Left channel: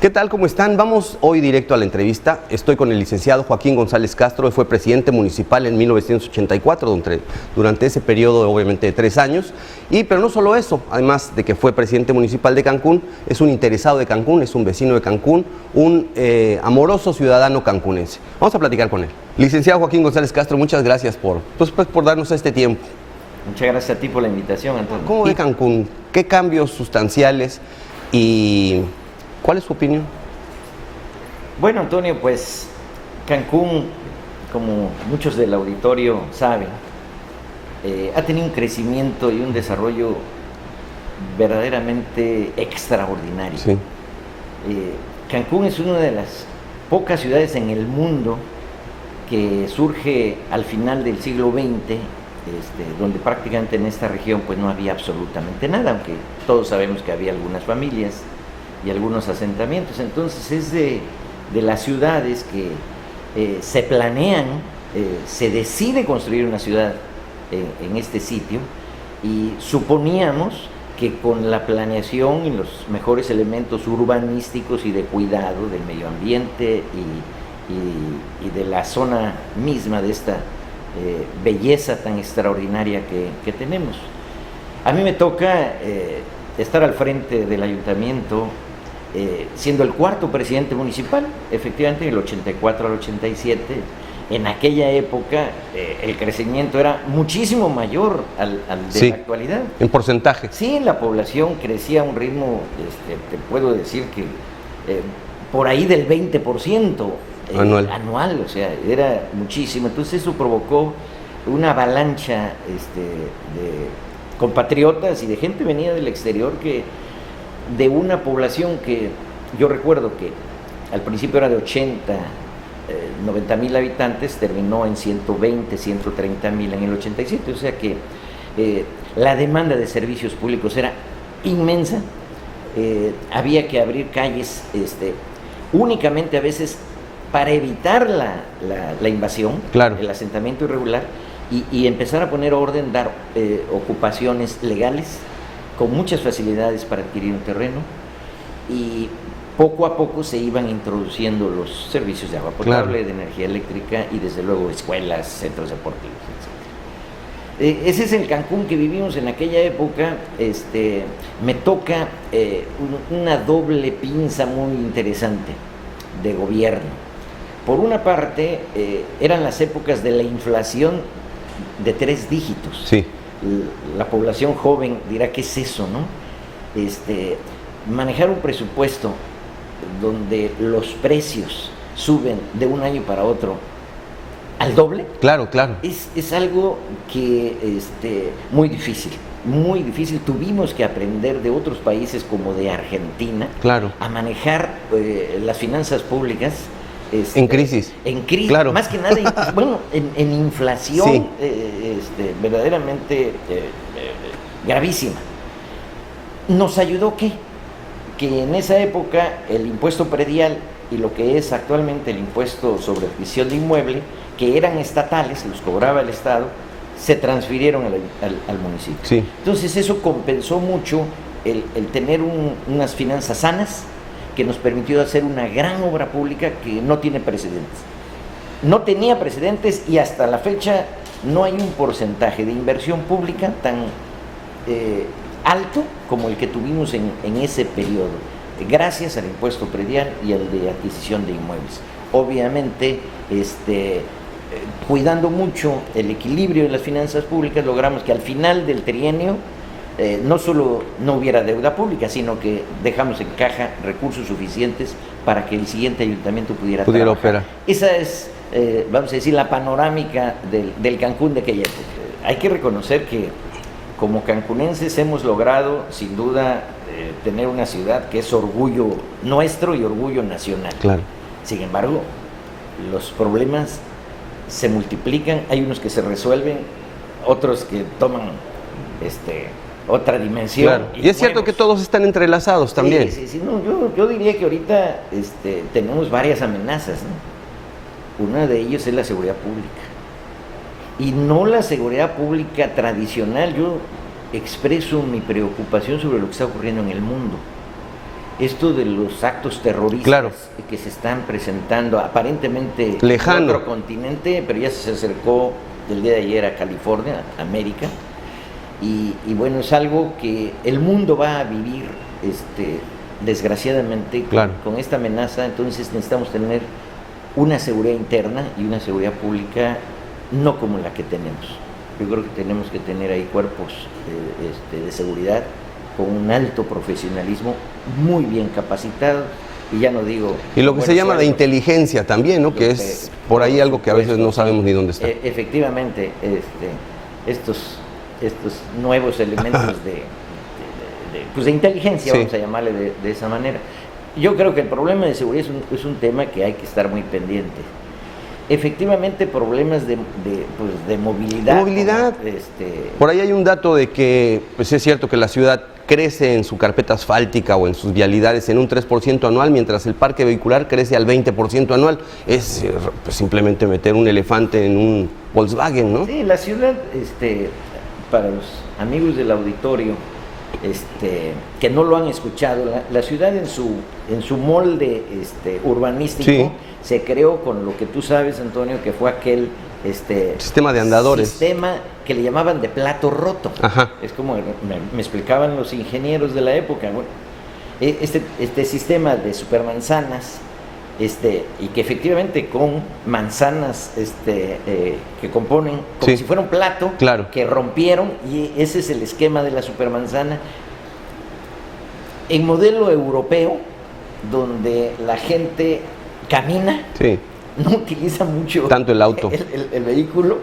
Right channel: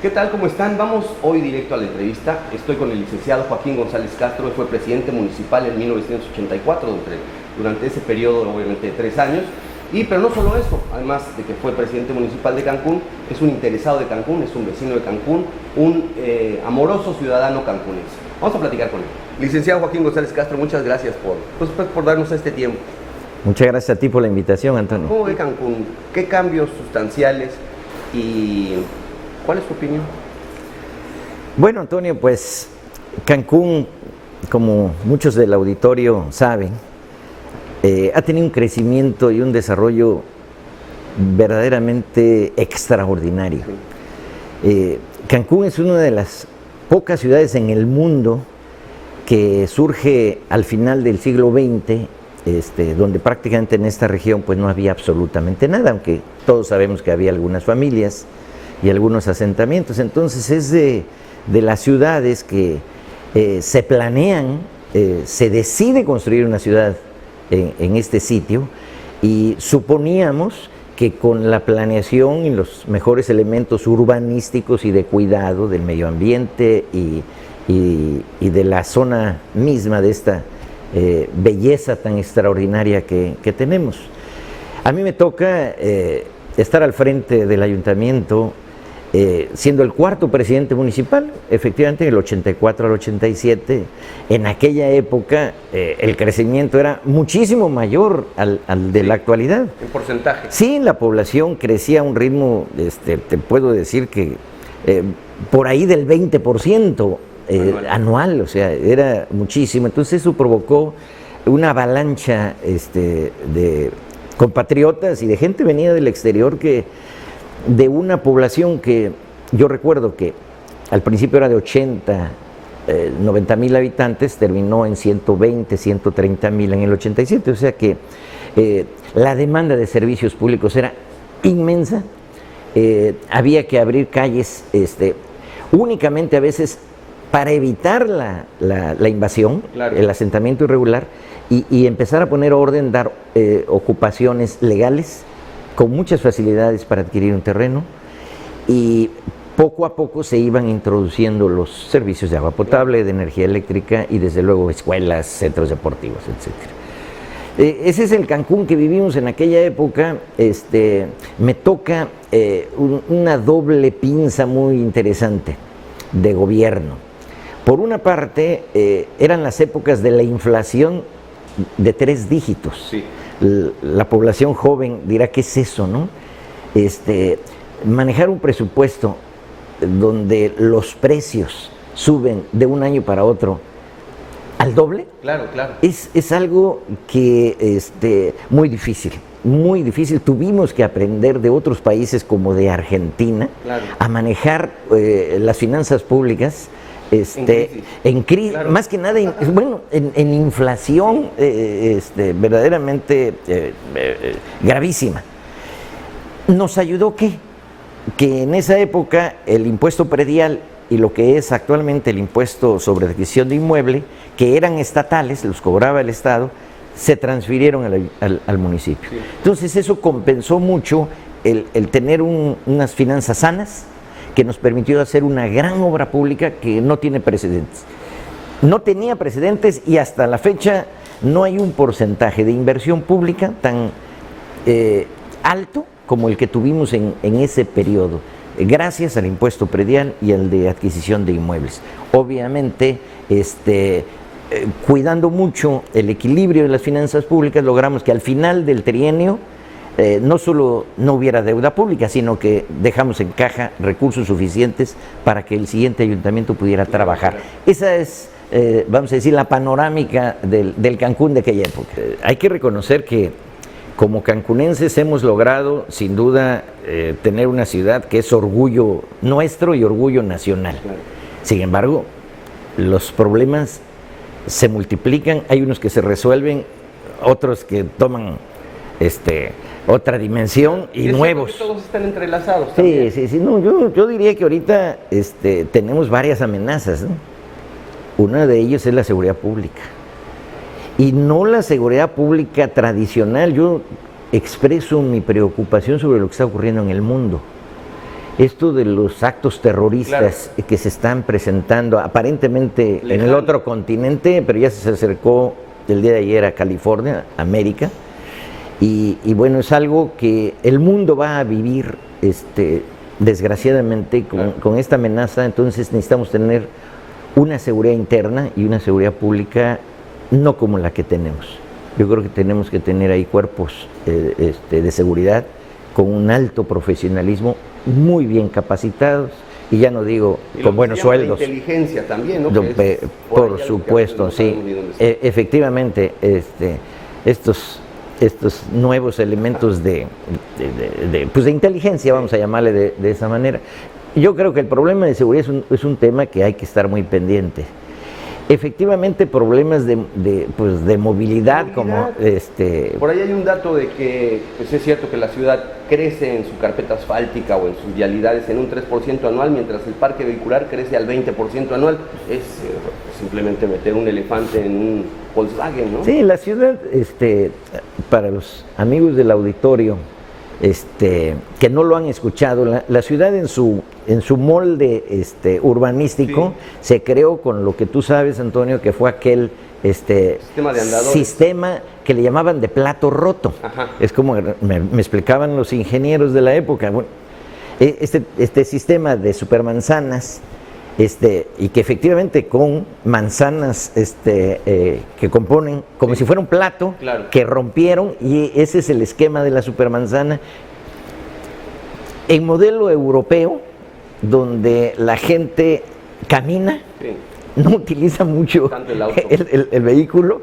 ¿Qué tal? ¿Cómo están? Vamos hoy directo a la entrevista. Estoy con el licenciado Joaquín González Castro, que fue presidente municipal en 1984, durante ese periodo obviamente de 3 años. Pero no solo eso, además de que fue presidente municipal de Cancún, es un interesado de Cancún, es un vecino de Cancún, un amoroso ciudadano cancunense. Vamos a platicar con él. Licenciado Joaquín González Castro, muchas gracias por darnos este tiempo. Muchas gracias a ti por la invitación, Antonio. ¿Cómo ve Cancún? ¿Qué cambios sustanciales y cuál es su opinión? Bueno, Antonio, pues Cancún, como muchos del auditorio saben, ha tenido un crecimiento y un desarrollo verdaderamente extraordinario. Sí. Cancún es una de las pocas ciudades en el mundo que surge al final del siglo XX, donde prácticamente en esta región pues no había absolutamente nada, aunque todos sabemos que había algunas familias y algunos asentamientos. Entonces es de las ciudades que se planean, se decide construir una ciudad en este sitio, y suponíamos que con la planeación y los mejores elementos urbanísticos y de cuidado del medio ambiente y de la zona misma de esta belleza tan extraordinaria que tenemos. A mí me toca estar al frente del ayuntamiento, siendo el cuarto presidente municipal, efectivamente, del 84 al 87. En aquella época el crecimiento era muchísimo mayor al de la actualidad. ¿En porcentaje? Sí, la población crecía a un ritmo, te puedo decir que por ahí del 20% anual, o sea, era muchísimo. Entonces eso provocó una avalancha de compatriotas y de gente venida del exterior, que de una población que yo recuerdo que al principio era de 90,000 habitantes, terminó en 120, 130,000 en el 87, o sea que la demanda de servicios públicos era inmensa. Había que abrir calles únicamente a veces para evitar la invasión, claro, el asentamiento irregular, y empezar a poner orden, dar ocupaciones legales con muchas facilidades para adquirir un terreno, y poco a poco se iban introduciendo los servicios de agua potable, claro, de energía eléctrica y desde luego escuelas, centros deportivos, etc. Ese es el Cancún que vivimos en aquella época. Me toca una doble pinza muy interesante de gobierno. Por una parte, eran las épocas de la inflación de 3 dígitos. Sí. La población joven dirá, ¿qué es eso, no? Manejar un presupuesto donde los precios suben de un año para otro al doble, claro, es algo que muy difícil, muy difícil. Tuvimos que aprender de otros países como de Argentina, claro, a manejar las finanzas públicas en crisis, claro, más que nada en inflación, sí, verdaderamente gravísima. ¿Nos ayudó qué? Que en esa época el impuesto predial y lo que es actualmente el impuesto sobre adquisición de inmueble, que eran estatales, los cobraba el Estado, se transfirieron al municipio. Sí. Entonces eso compensó mucho el tener unas finanzas sanas, que nos permitió hacer una gran obra pública que no tiene precedentes. No tenía precedentes, y hasta la fecha no hay un porcentaje de inversión pública tan alto como el que tuvimos en ese periodo, gracias al impuesto predial y al de adquisición de inmuebles. Obviamente, cuidando mucho el equilibrio de las finanzas públicas, logramos que al final del trienio no solo no hubiera deuda pública, sino que dejamos en caja recursos suficientes para que el siguiente ayuntamiento pudiera trabajar. Esa es, vamos a decir, la panorámica del Cancún de aquella época. Hay que reconocer que como cancunenses hemos logrado, sin duda, tener una ciudad que es orgullo nuestro y orgullo nacional. Claro. Sin embargo, los problemas se multiplican, hay unos que se resuelven, otros que toman otra dimensión. Claro. Y es cierto que todos están entrelazados también. Sí. No, yo diría que ahorita tenemos varias amenazas, ¿no? Una de ellas es la seguridad pública. Y no la seguridad pública tradicional. Yo expreso mi preocupación sobre lo que está ocurriendo en el mundo. esto de los actos terroristas que se están presentando aparentemente lejano en otro continente, pero ya se acercó el día de ayer a California, América, y bueno, es algo que el mundo va a vivir desgraciadamente con esta amenaza. Entonces necesitamos tener una seguridad interna y una seguridad pública no como la que tenemos. Yo creo que tenemos que tener ahí cuerpos de seguridad con un alto profesionalismo, muy bien capacitados, y ya no digo... Y lo que se llama de inteligencia también, ¿no? Que es por ahí algo que a veces no sabemos ni dónde está. Efectivamente, estos nuevos elementos de inteligencia, vamos a llamarle de esa manera. Yo creo que el problema de seguridad es un tema que hay que estar muy pendiente. Efectivamente, problemas de movilidad. Por ahí hay un dato de que pues es cierto que la ciudad crece en su carpeta asfáltica o en sus vialidades en un 3% anual, mientras el parque vehicular crece al 20% anual. Es pues, simplemente meter un elefante en un Volkswagen, ¿no? Sí, la ciudad, para los amigos del auditorio, que no lo han escuchado, la ciudad en su molde urbanístico se creó con lo que tú sabes, Antonio, que fue aquel sistema de andadores, sistema que le llamaban de plato roto. Ajá. Es como me explicaban los ingenieros de la época. Bueno, este sistema de supermanzanas, y que efectivamente con manzanas que componen como si fuera un plato, que rompieron, y ese es el esquema de la supermanzana. En modelo europeo, donde la gente camina, no utiliza mucho tanto el auto, el vehículo,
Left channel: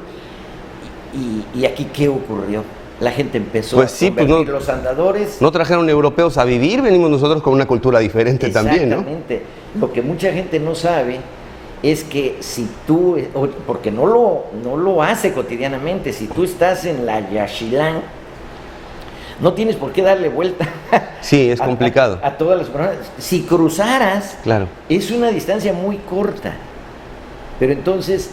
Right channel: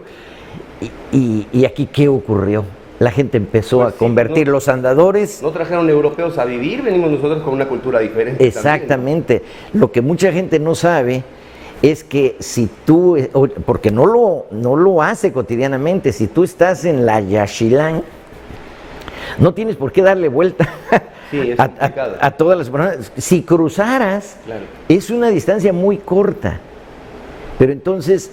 y aquí ¿qué ocurrió? La gente empezó a convertir los andadores. No trajeron europeos a vivir, venimos nosotros con una cultura diferente también. Exactamente. Lo que mucha gente no sabe es que si tú, porque no lo hace cotidianamente, si tú estás en la Yaxchilán, no tienes por qué darle vuelta. Sí, es complicado. A todas las personas. Si cruzaras, es una distancia muy corta. Pero entonces,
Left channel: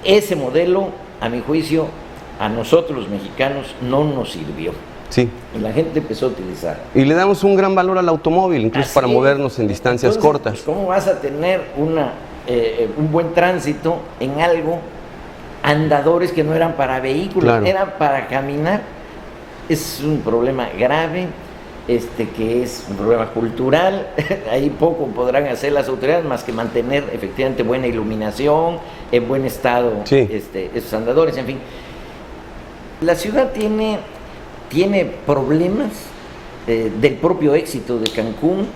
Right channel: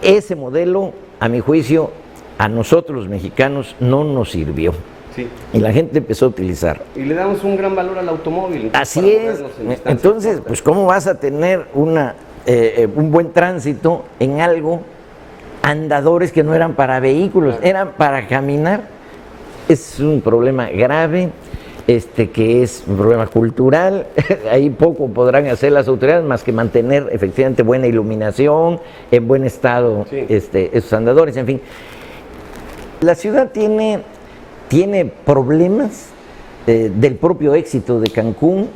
ese modelo, a mi juicio, a nosotros los mexicanos no nos sirvió. Sí. Y la gente empezó a utilizar. Y le damos un gran valor al automóvil, incluso para movernos en distancias cortas. Pues ¿cómo vas a tener un buen tránsito en algo, andadores que no eran para vehículos, eran para caminar? Es un problema grave, que es un problema cultural. Ahí poco podrán hacer las autoridades más que mantener efectivamente buena iluminación, en buen estado esos andadores, en fin. La ciudad tiene problemas del propio éxito de Cancún,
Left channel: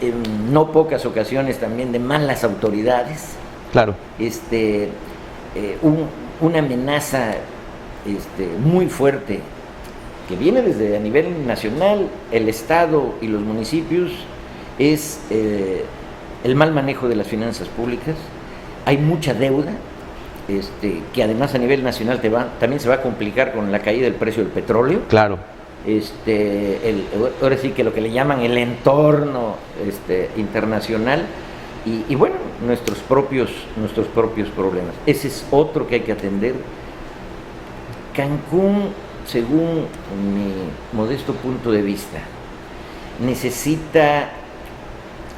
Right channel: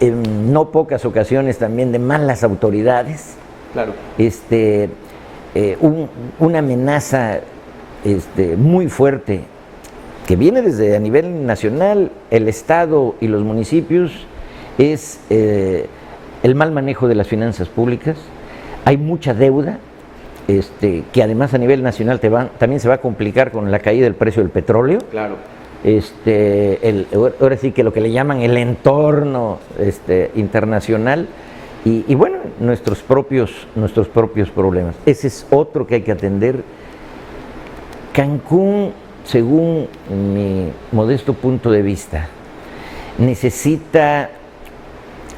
en no pocas ocasiones también de malas autoridades. Una amenaza muy fuerte que viene desde a nivel nacional, el Estado y los municipios, es el mal manejo de las finanzas públicas. Hay mucha deuda, que además a nivel nacional también se va a complicar con la caída del precio del petróleo. Ahora sí que lo que le llaman el entorno internacional y bueno, nuestros propios problemas. Ese es otro que hay que atender. Cancún, según mi modesto punto de vista, necesita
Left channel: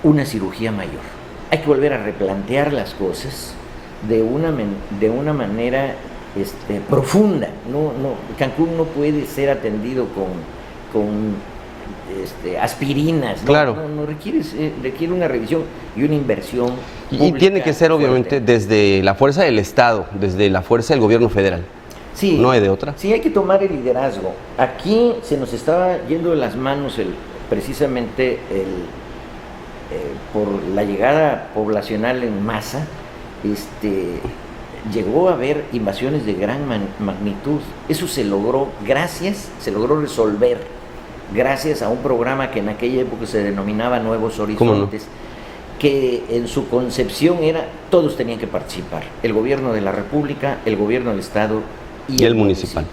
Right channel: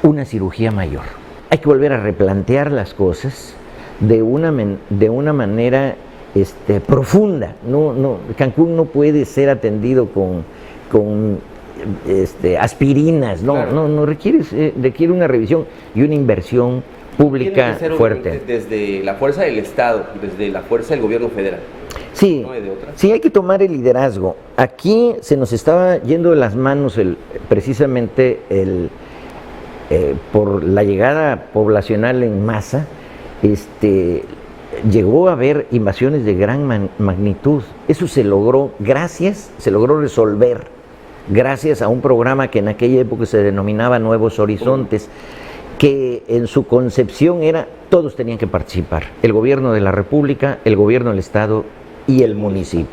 una cirugía mayor. Hay que volver a replantear las cosas de una manera profunda. Cancún no puede ser atendido con aspirinas, no requiere una revisión y una inversión pública. Y tiene que ser fuerte. Obviamente desde la fuerza del Estado, desde la fuerza del gobierno federal. Sí, no hay de otra. Sí, hay que tomar el liderazgo. Aquí se nos estaba yendo de las manos precisamente por la llegada poblacional en masa. Llegó a haber invasiones de gran magnitud. Eso se logró resolver gracias a un programa que en aquella época se denominaba Nuevos Horizontes, que en su concepción era todos tenían que participar, el gobierno de la República, el gobierno del Estado y el municipio.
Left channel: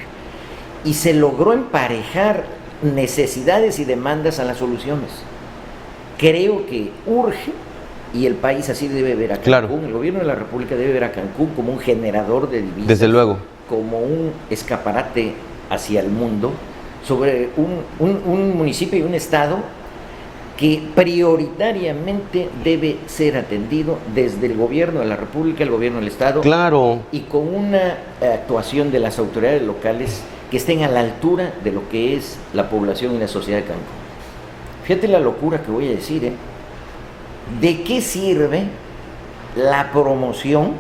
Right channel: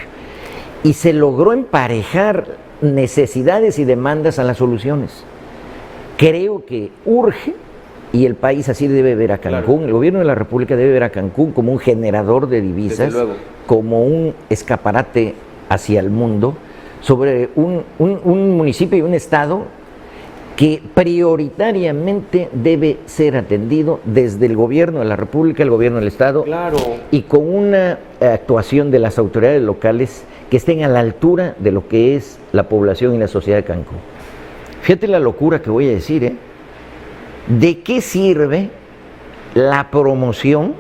Y se logró emparejar necesidades y demandas a las soluciones. Creo que urge, y el país así debe ver a Cancún, el gobierno de la República debe ver a Cancún como un generador de divisas, desde luego, como un escaparate hacia el mundo, sobre un municipio y un estado que prioritariamente debe ser atendido desde el gobierno de la República, el gobierno del Estado, Claro. y con una actuación de las autoridades locales que estén a la altura de lo que es la población y la sociedad de Cancún. Fíjate la locura que voy a decir, ¿eh? ¿De qué sirve la promoción,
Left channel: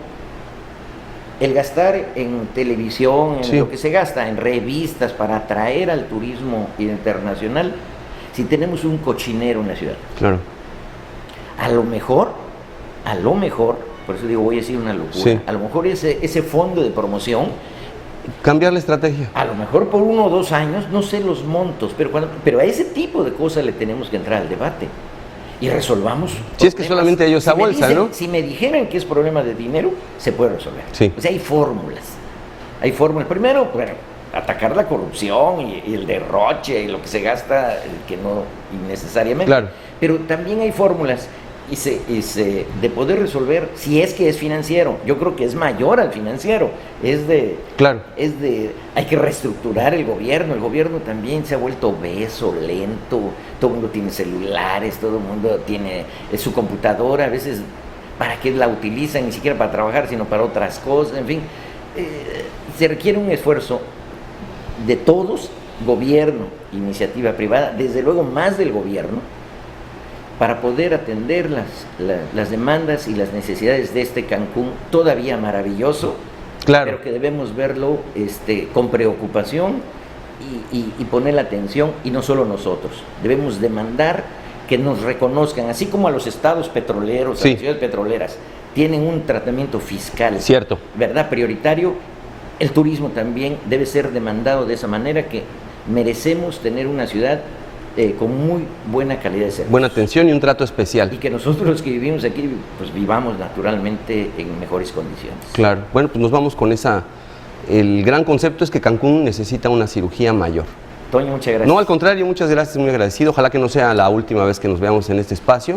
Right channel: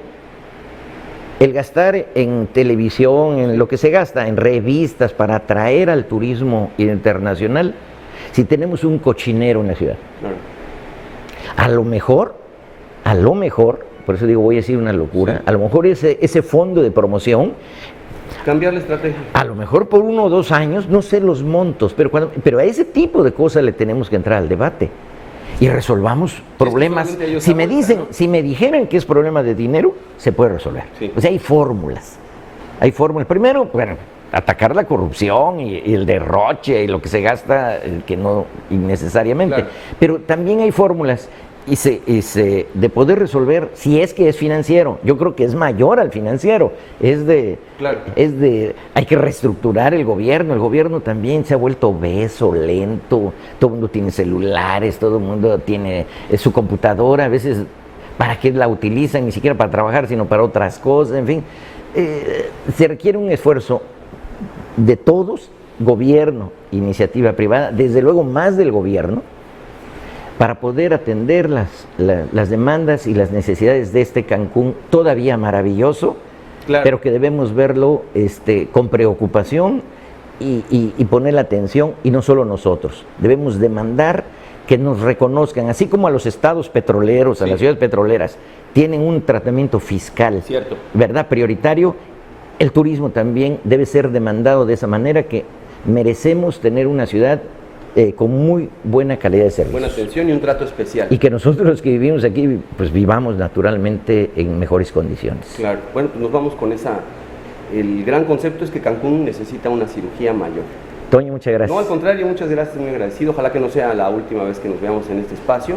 el gastar en televisión, en lo que se gasta, en revistas para atraer al turismo internacional, si tenemos un cochinero en la ciudad? Claro. A lo mejor, por eso digo, voy a decir una locura, a lo mejor ese fondo de promoción, Cambiar la estrategia. a lo mejor por 1 o 2 años, no sé los montos, pero a ese tipo de cosas le tenemos que entrar al debate y resolvamos problemas. Es que solamente hay esa bolsa, ¿no? Si me dijeran que es problema de dinero, se puede resolver. Sí. O sea, hay fórmulas. Primero, bueno, atacar la corrupción y el derroche y lo que se gasta, que no innecesariamente. Claro. Pero también hay fórmulas de poder resolver, si es que es financiero. Yo creo que es mayor al financiero. Claro. Hay que reestructurar el gobierno también se ha vuelto obeso, lento, todo el mundo tiene celulares, todo el mundo tiene su computadora, a veces ¿para qué la utilizan? Ni siquiera para trabajar, sino para otras cosas, en fin. Se requiere un esfuerzo de todos, gobierno, iniciativa privada, desde luego más del gobierno, para poder atender las demandas y las necesidades de este Cancún todavía maravilloso, Claro. pero que debemos verlo con preocupación y poner la atención, y no solo nosotros. Debemos demandar que nos reconozcan, así como a los estados petroleros, a Sí. las ciudades petroleras, tienen un tratamiento fiscal, Cierto. ¿verdad?, prioritario. El turismo también debe ser demandado de esa manera, que merecemos tener una ciudad con muy buena calidad de servicio. Buena atención y un trato especial. Y que nosotros los que vivimos aquí, pues vivamos naturalmente en mejores condiciones. Claro. Bueno, pues nos vamos con el gran concepto es que Cancún necesita una cirugía mayor. Toño, muchas gracias. No, al contrario, muchas gracias, muy agradecido. Ojalá que no sea la última vez que nos veamos en este espacio.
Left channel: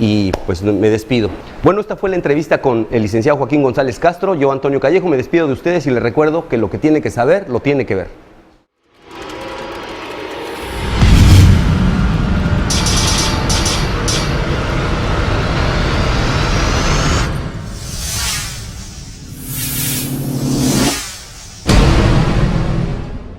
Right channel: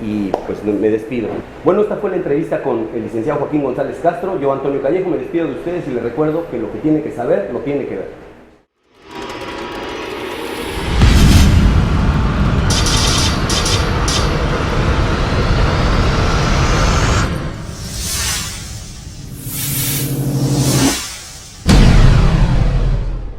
Y pues me despido. Bueno, esta fue la entrevista con el licenciado Joaquín González Castro. Yo, Antonio Callejo, me despido de ustedes y les recuerdo que lo que tiene que saber, lo tiene que ver.